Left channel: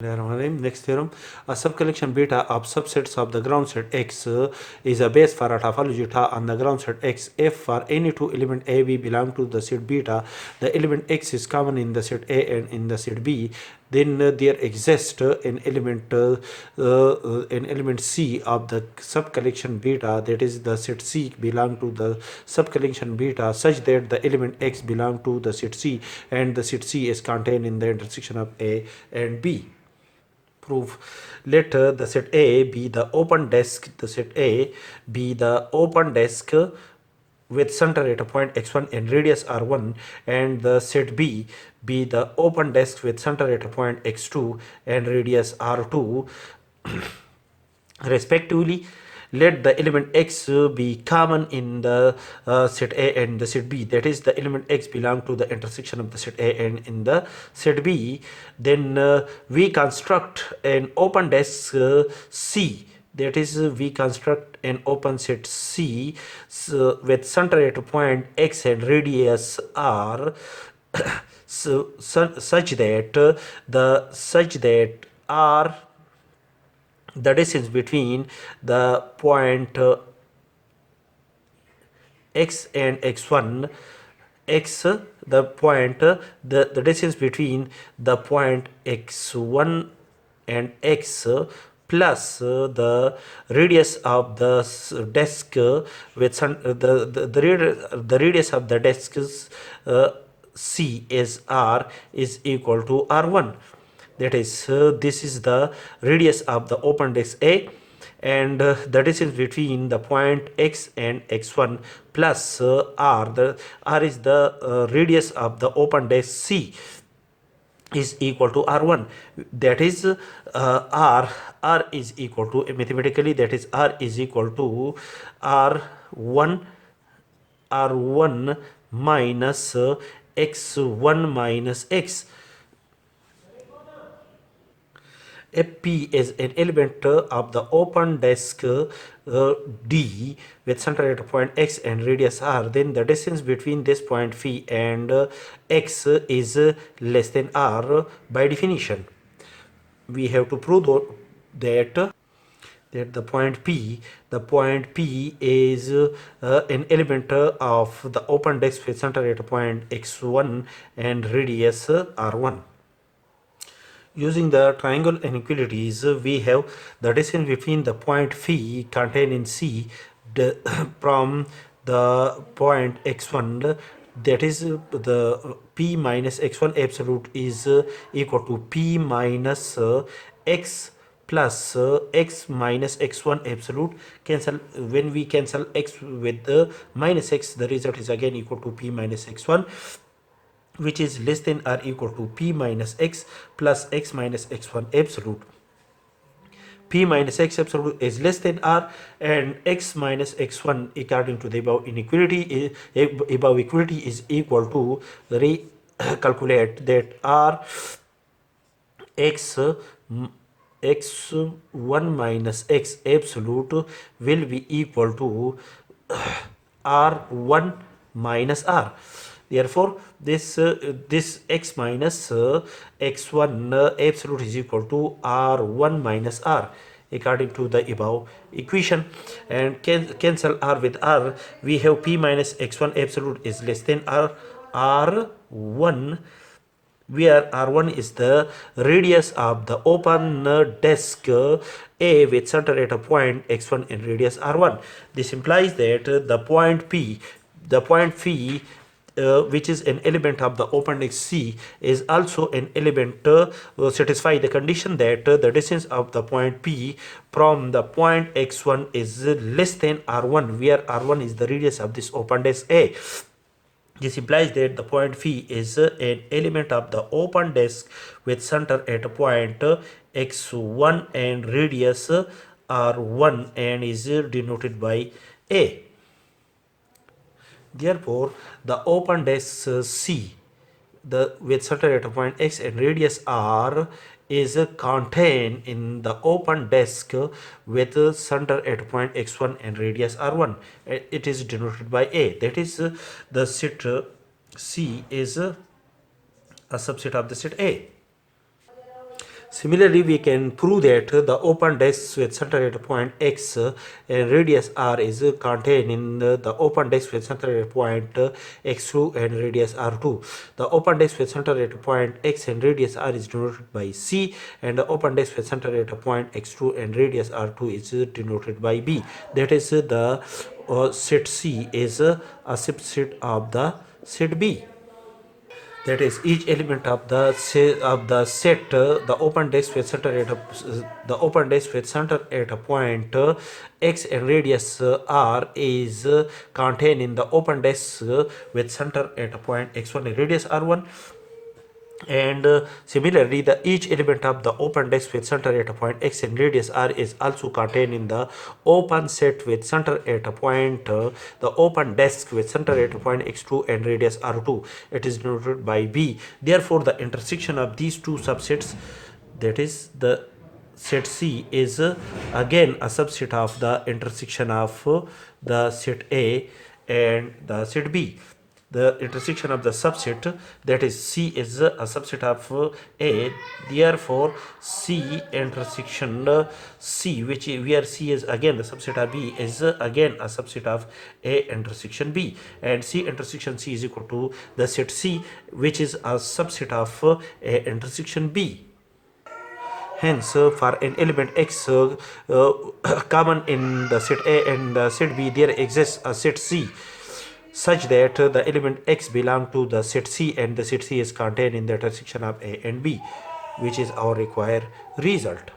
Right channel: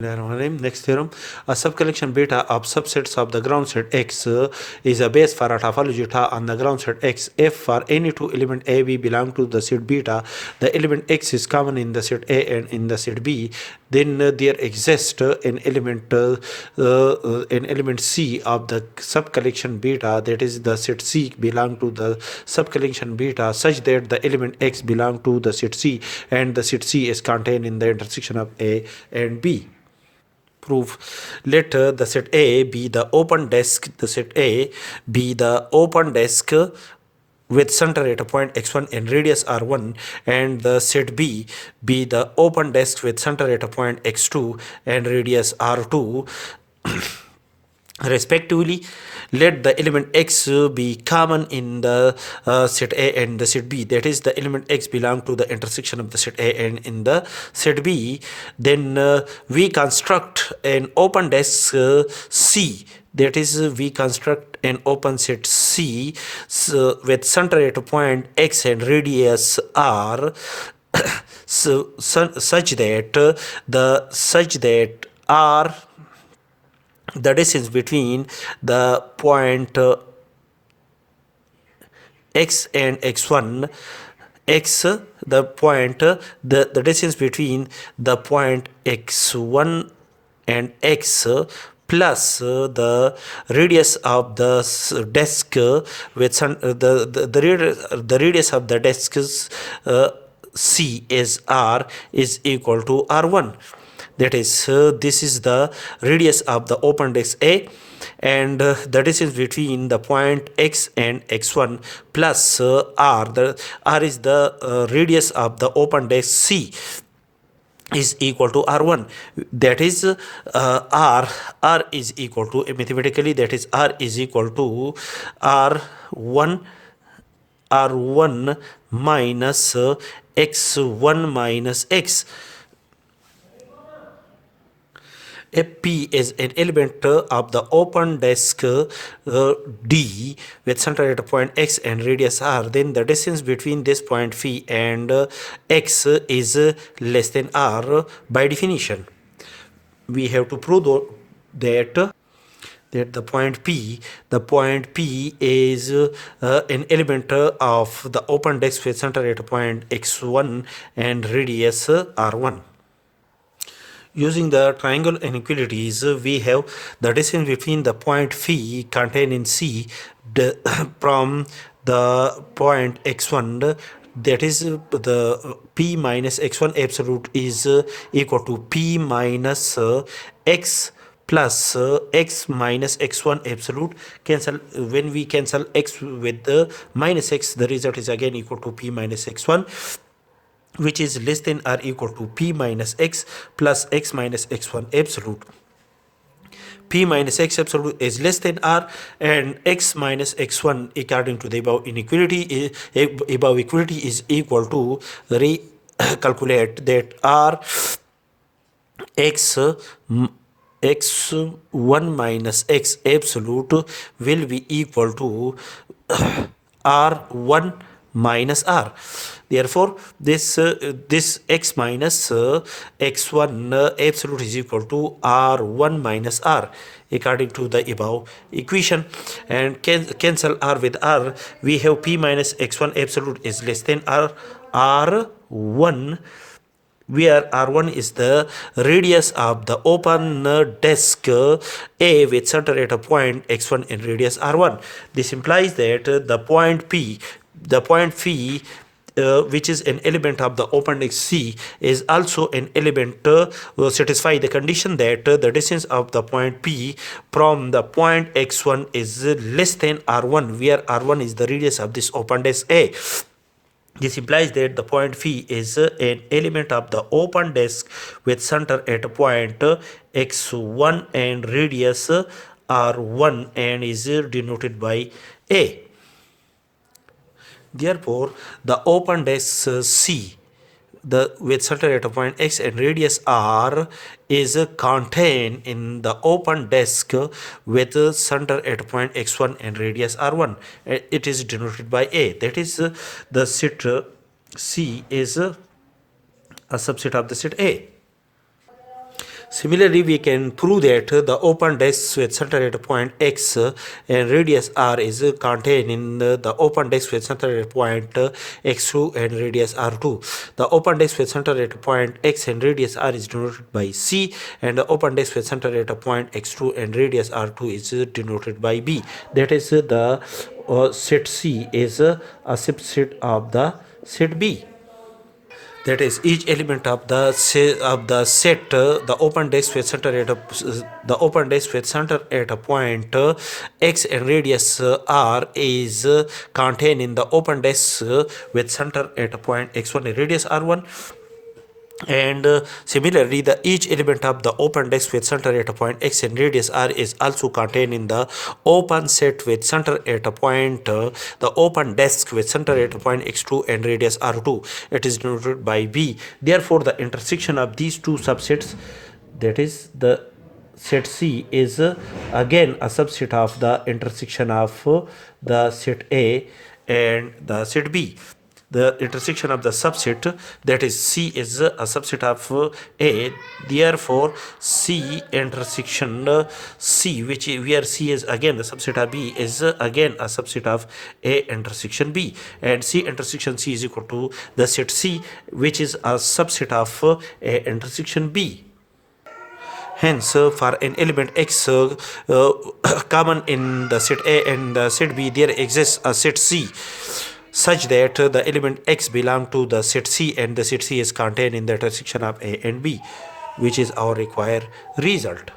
Next theorem, a subcollection beta of subsets of the ground set X is a base for a topology on the ground set X. If for any two element A, B belong to the set beta, the element X is common in the set A and in the set B, then there exists an element C of the subcollection beta, that is the set C belong to the subcollection beta, such that the element X belong to the set C and the set C is contained in the intersection of A and B. Proof. Let the set A be the open disk, the set A be the open disk with center at a point x1 and radius r1, and the set B be the open disk with center at a point x2 and radius r2 respectively. Let the element X be common in the set A and the set B, that is the element X belong to the intersection of the set A and in the set B. Then we construct an open disk C, that is we construct an open set C with center at a point X and radius R such that R, the distance between the point X and x1, X, the point, the distance between the point x1 and X plus the radius of the disk with the radius of the disk C is R is equal to R1. That is, this is the radius of the open disk A, and the distance between the point X and x1 plus R. The R is the radius of the open disk C is equal to R1. That is R is equal to, mathematically, that is R is equal to R1 minus x1 minus x. If P is an element of the open disk D with center at a point X and radius R, then the distance between this point phi and X is less than R by definition. We have to prove that the point P is an element of the open disk with center at a point x1 and radius R1. Using the triangle inequalities, we have the distance between the point phi contained in C from the point x1, that is the P minus x1 absolute is equal to P minus x plus x minus x1 absolute. Cancel. When we cancel x with the minus x, the result is again equal to P minus x1, which is less than or equal to P minus x plus x minus x1 absolute. P minus x absolute is less than R, and x minus x1 according to the above inequality above equality is equal to recalculate that R x1 minus x absolute will be equal to R1 minus R. Therefore, this x minus x1 absolute is equal to R1 minus R according to the above equation, and cancel R with R. We have P minus x1 absolute is less than R1, where R1 is the radius of the open disk A with center at a point x1 and radius R1. This implies that the point P, the point phi, which is an element of the open disk C, is also an element satisfy the condition that the distance of the point P from the point x1 is less than R1, where R1 is the radius of this open disk A. This implies that the point phi is an element of the open disk with center at a point x1 and radius R1 and is denoted by A. Therefore, the open disk C with center at a point X and radius R is contained in the open disk with center at a point x1 and radius R1. It is denoted by A. That is, the set C is a subset of the set A. Similarly, we can prove that the open disk with center at point x and radius r is contained in the open disk with center at point x2 and radius r2. The open disk with center at point x and radius r is denoted by c, and the open disk with center at a point x2 and radius r2 is denoted by b. That is, the set C is a subset of the set B. That is, each element of the set, the open disk with center at a point x and radius r is contained in the open disk with center at a point x1 and radius r1. And similarly, the each element of the open disk with center at a point x and radius r is also contained in the open set with center at a point the open disk with center at a point x2 and radius r2. It is denoted by b. Therefore, the intersection of these two subsets, that is the set C, is again a subset of the intersection of the set A and the set B. The intersection of the subset, that is C, is a subset of A. Therefore, C intersection C, which where C is again the subset of B, is again a subset of A intersection B, and C intersection C is equal to the set C, which is a subset of A intersection B. Hence, for an element x common in the set A and the set B, there exists a set C such that the element x belong to the set C and the set C is contained in the intersection of A and B, which is our required result.